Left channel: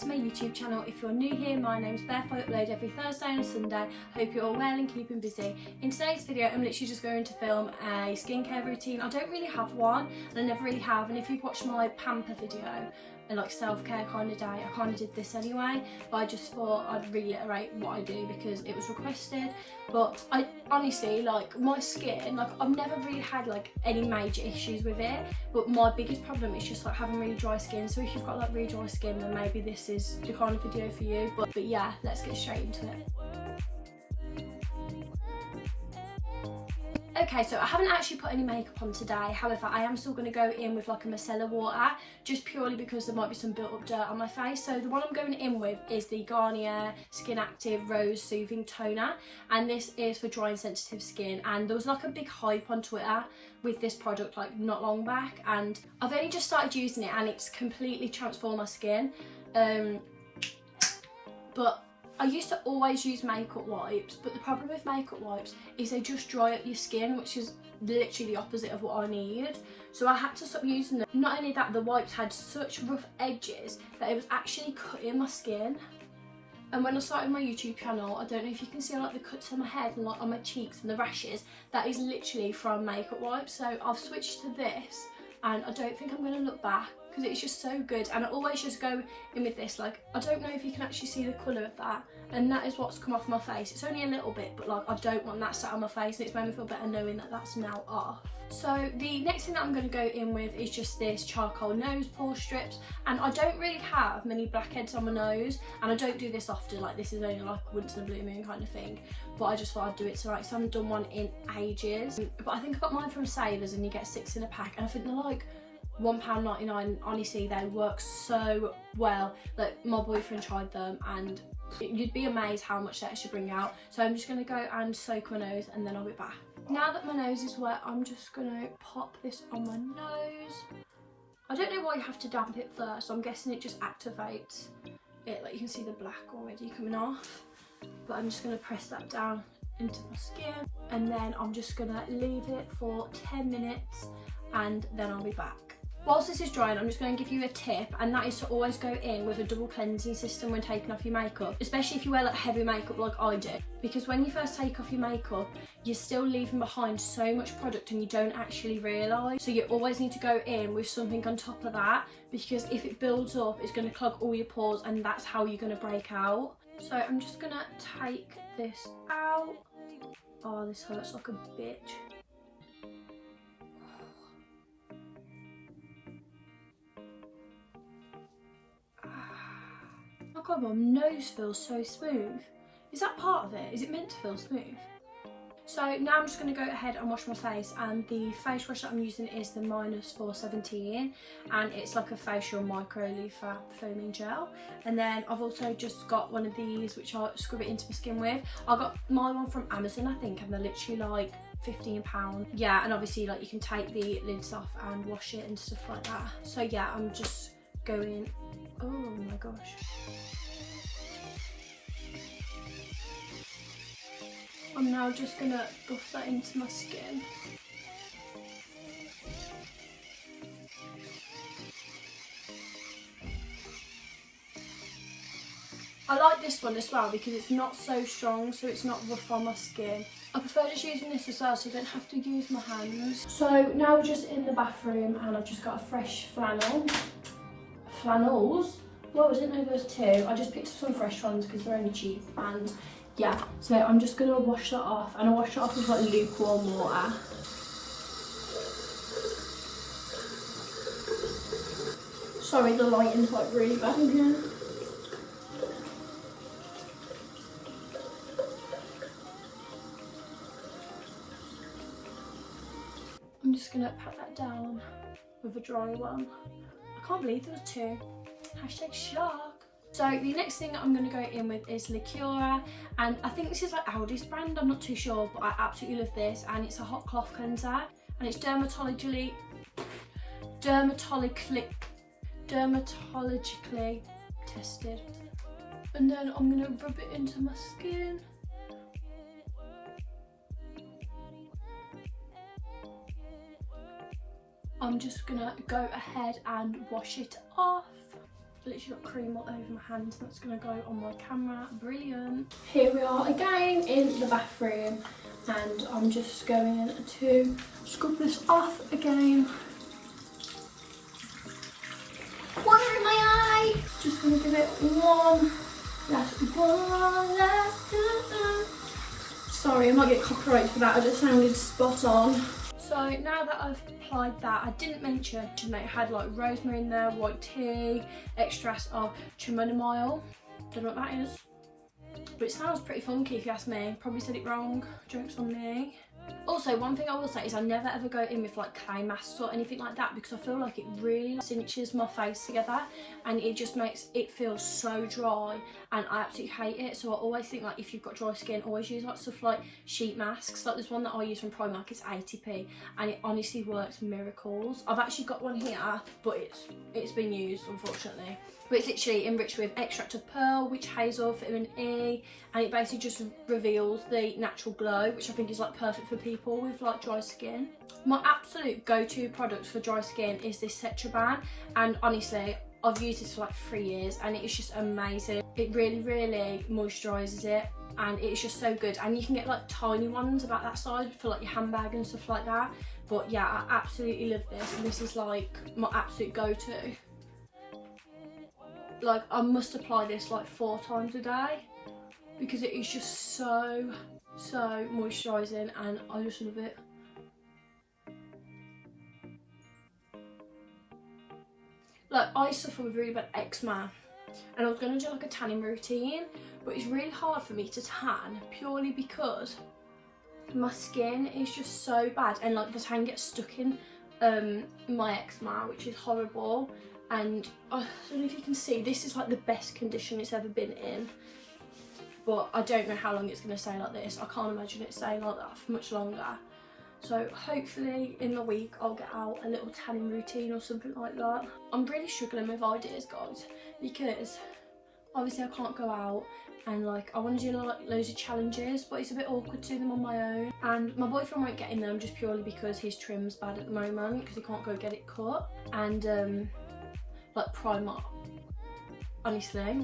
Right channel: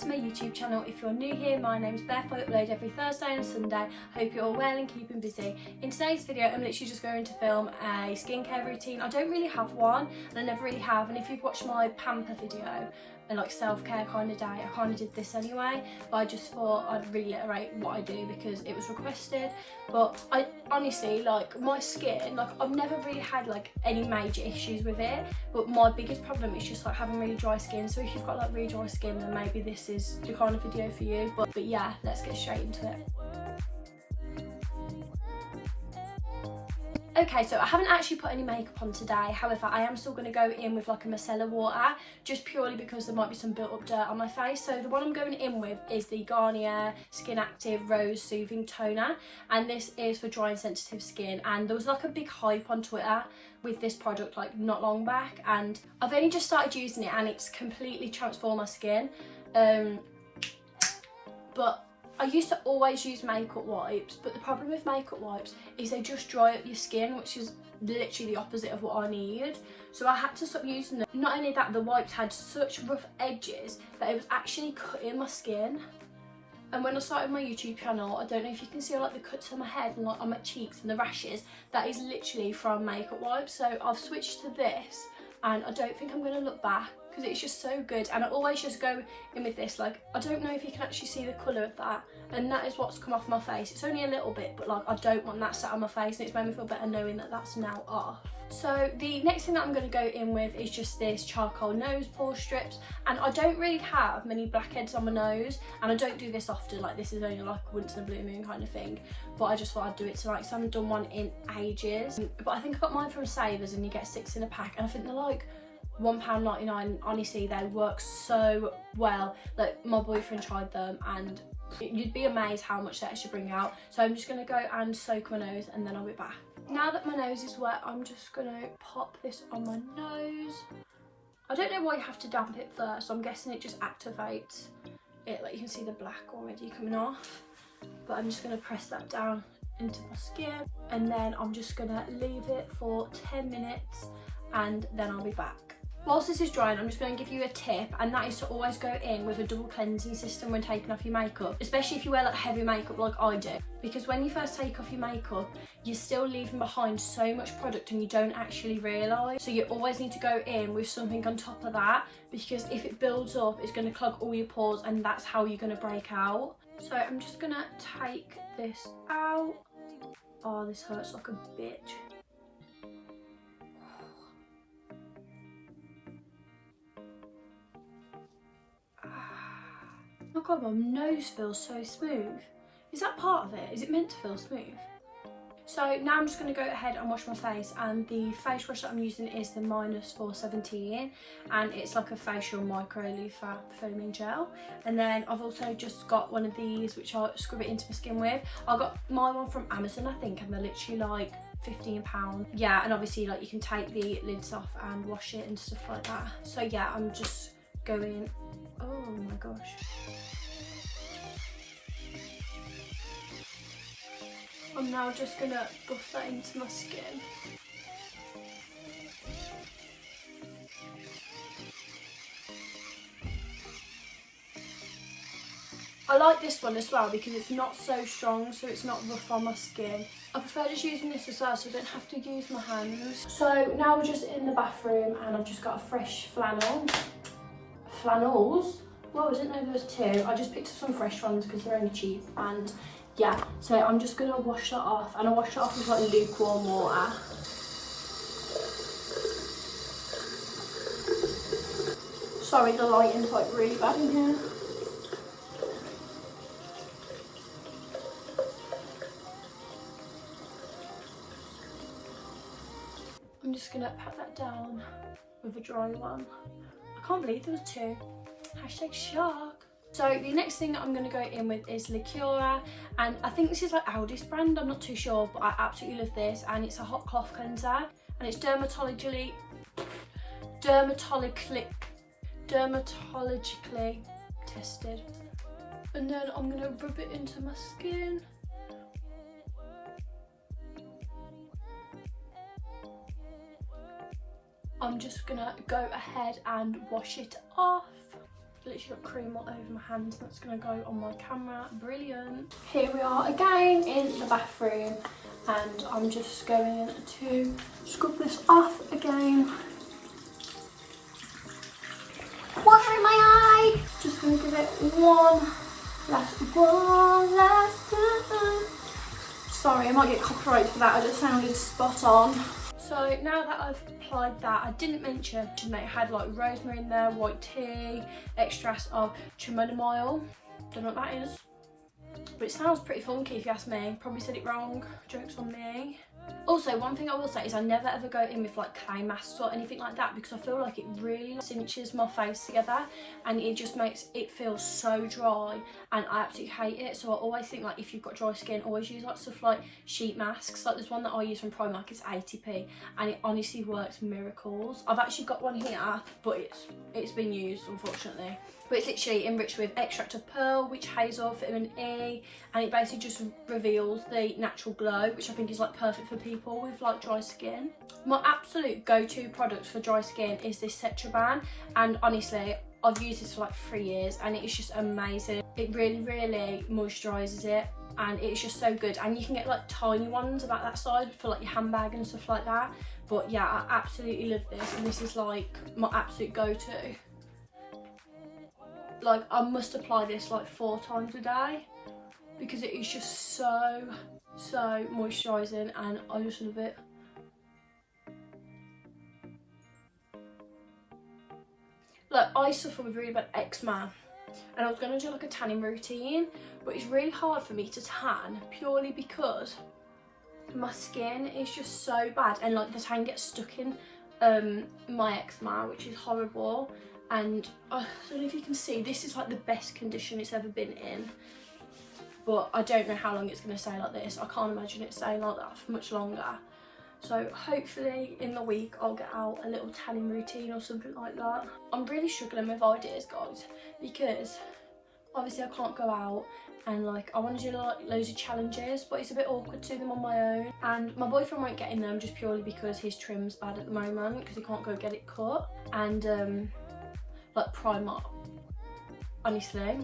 to my YouTube channel. If you're new here, my name's Beth. I upload every Thursday and Sunday. Hope you're all well and keeping busy. In today's video, I'm literally just going to film a skincare routine. I don't really have one, and I never really have. And if you've watched my pamper video, and like self-care kind of day, I kind of did this anyway, but I just thought I'd reiterate what I do because it was requested. But I honestly, like, my skin, like, I've never really had like any major issues with it, but my biggest problem is just like having really dry skin. So if you've got like really dry skin, then maybe this is the kind of video for you. But yeah, let's get straight into it. Okay, so I haven't actually put any makeup on today. However, I am still going to go in with like a micellar water, just purely because there might be some built up dirt on my face. So the one I'm going in with is the Garnier Skin Active Rose Soothing Toner, and this is for dry and sensitive skin. And there was like a big hype on Twitter with this product like not long back, and I've only just started using it and it's completely transformed my skin. But I used to always use makeup wipes, but the problem with makeup wipes is they just dry up your skin, which is literally the opposite of what I need. So I had to stop using them. Not only that, the wipes had such rough edges that it was actually cutting my skin. And when I started my YouTube channel, I don't know if you can see like the cuts on my head and like on my cheeks and the rashes, that is literally from makeup wipes. So I've switched to this, and I don't think I'm going to look back because it's just so good. And I always just go in with this, like, I don't know if you can actually see the colour of that, and that is what's come off my face. It's only a little bit, but like, I don't want that sat on my face, and it's made me feel better knowing that that's now off. So the next thing that I'm going to go in with is just this charcoal nose pore strips, and I don't really have many blackheads on my nose, and I don't do this often, like this is only like once in a blue moon kind of thing, but I just thought I'd do it tonight because I haven't done one in ages. But I think I got mine from Savers, and you get 6 in a pack, and I think they're like £1.99. Honestly, they work so well. Like, my boyfriend tried them and you'd be amazed how much they actually bring out. So I'm just going to go and soak my nose and then I'll be back. Now that my nose is wet, I'm just going to pop this on my nose. I don't know why you have to damp it first, so I'm guessing it just activates it. Like, you can see the black already coming off, but I'm just going to press that down into my skin, and then I'm just going to leave it for 10 minutes and then I'll be back. Whilst this is drying, I'm just going to give you a tip, and that is to always go in with a double cleansing system when taking off your makeup, especially if you wear like heavy makeup like I do, because when you first take off your makeup, you're still leaving behind so much product and you don't actually realise. So you always need to go in with something on top of that, because if it builds up, it's going to clog all your pores, and that's how you're going to break out. So I'm just going to take this out. Oh, this hurts like a bitch. Oh god, my nose feels so smooth. Is that part of it? Is it meant to feel smooth? So now I'm just going to go ahead and wash my face, and the face wash that I'm using is the -417, and it's like a facial micro leaf foaming gel. And then I've also just got one of these which I scrub it into my skin with. I got my one from Amazon, I think, and they're literally like £15. Yeah, and obviously like you can take the lids off and wash it and stuff like that. So yeah, I'm just going, oh my gosh. I'm now just gonna buff that into my skin. I like this one as well because it's not so strong, so it's not rough on my skin. I prefer just using this as well, so I don't have to use my hands. So now we're just in the bathroom, and I've just got a fresh flannel. Flannels? Well, I didn't know there was 2. I just picked up some fresh ones because they're only cheap, and yeah, so I'm just gonna wash that off, and I wash it off with like lukewarm water. Sorry, the lighting's like really bad in here. I'm just gonna pat that down with a dry one. I can't believe there was 2. Hashtag shock. So the next thing that I'm going to go in with is Lacuna, and I think this is like ALDI's brand, I'm not too sure, but I absolutely love this, and it's a hot cloth cleanser, and it's dermatologically tested. And then I'm going to rub it into my skin. I'm just gonna go ahead and wash it off. literally got cream all over my hands. That's going to go on my camera. Brilliant. Here we are again in the bathroom, and I'm just going to scrub this off again. Water in my eye. Just going to give it one last time. Sorry, I might get copyright for that. I just sounded spot on. So now that I've applied that, I didn't mention that it had like rosemary in there, white tea, extracts of chamomile. Don't know what that is, but it sounds pretty funky if you ask me. Probably said it wrong. Joke's on me. Also, one thing I will say is I never ever go in with like clay masks or anything like that, because I feel like it really cinches my face together and it just makes it feel so dry, and I absolutely hate it. So I always think like if you've got dry skin, always use like stuff like sheet masks. Like there's one that I use from Primark, it's 80p, and it honestly works miracles. I've actually got one here, but it's been used unfortunately. But it's literally enriched with extract of pearl, witch hazel, vitamin E, and it basically just reveals the natural glow, which I think is like perfect for people with like dry skin. My absolute go-to product for dry skin is this Cetraban, and honestly I've used this for like 3 years and it's just amazing. It really moisturises it, and it's just so good. And you can get like tiny ones about that size for like your handbag and stuff like that. But yeah, I absolutely love this, and this is like my absolute go-to. Like I must apply this like 4 times a day because it is just so moisturising, and I just love it. Like I suffer with really bad eczema, and I was going to do like a tanning routine, but it's really hard for me to tan purely because my skin is just so bad, and like the tan gets stuck in my eczema, which is horrible. And I don't know if you can see, this is like the best condition it's ever been in, but I don't know how long it's going to stay like this. I can't imagine it staying like that for much longer. So hopefully in the week I'll get out a little tanning routine or something like that. I'm really struggling with ideas, guys, because obviously I can't go out and like I want to do like loads of challenges, but it's a bit awkward to do them on my own, and my boyfriend won't get in them just purely because his trim's bad at the moment because he can't go get it cut. And like Primark, honestly,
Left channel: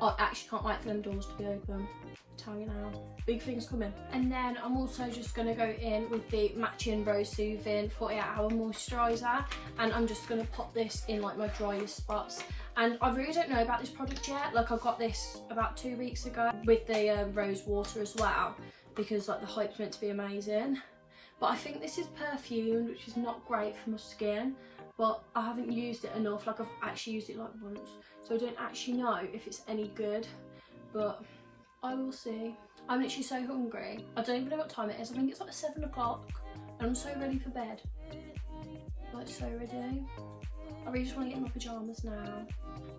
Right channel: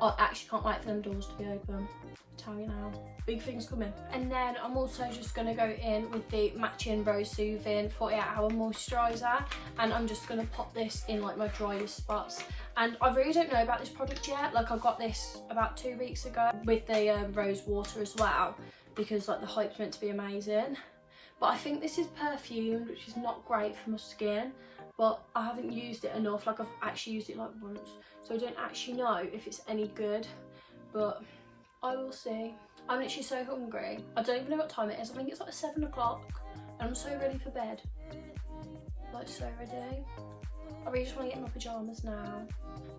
I actually can't wait for them doors to be open. I'll tell you now, big things coming. And then I'm also just going to go in with the matching Rose Soothing 48-hour moisturiser, and I'm just going to pop this in like my driest spots. And I really don't know about this product yet. Like I got this about 2 weeks ago with the rose water as well, because like the hype's meant to be amazing. But I think this is perfumed, which is not great for my skin. But I haven't used it enough. Like I've actually used it like once, so I don't actually know if it's any good, but I will see. I'm literally so hungry. I don't even know what time it is. I think it's like 7 o'clock and I'm so ready for bed. Like so ready. I really just want to get in my pyjamas now.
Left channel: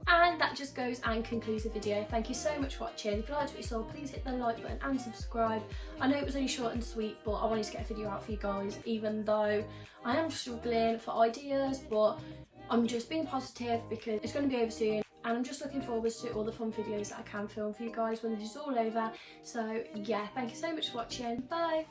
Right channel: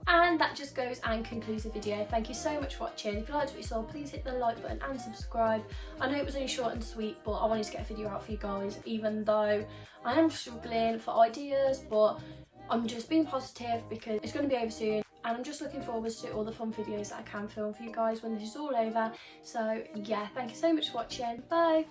And that just goes and concludes the video. Thank you so much for watching. If you liked what you saw, please hit the like button and subscribe. I know it was only short and sweet, but I wanted to get a video out for you guys, even though I am struggling for ideas, but I'm just being positive because it's going to be over soon, and I'm just looking forward to all the fun videos that I can film for you guys when this is all over. So yeah, thank you so much for watching. Bye.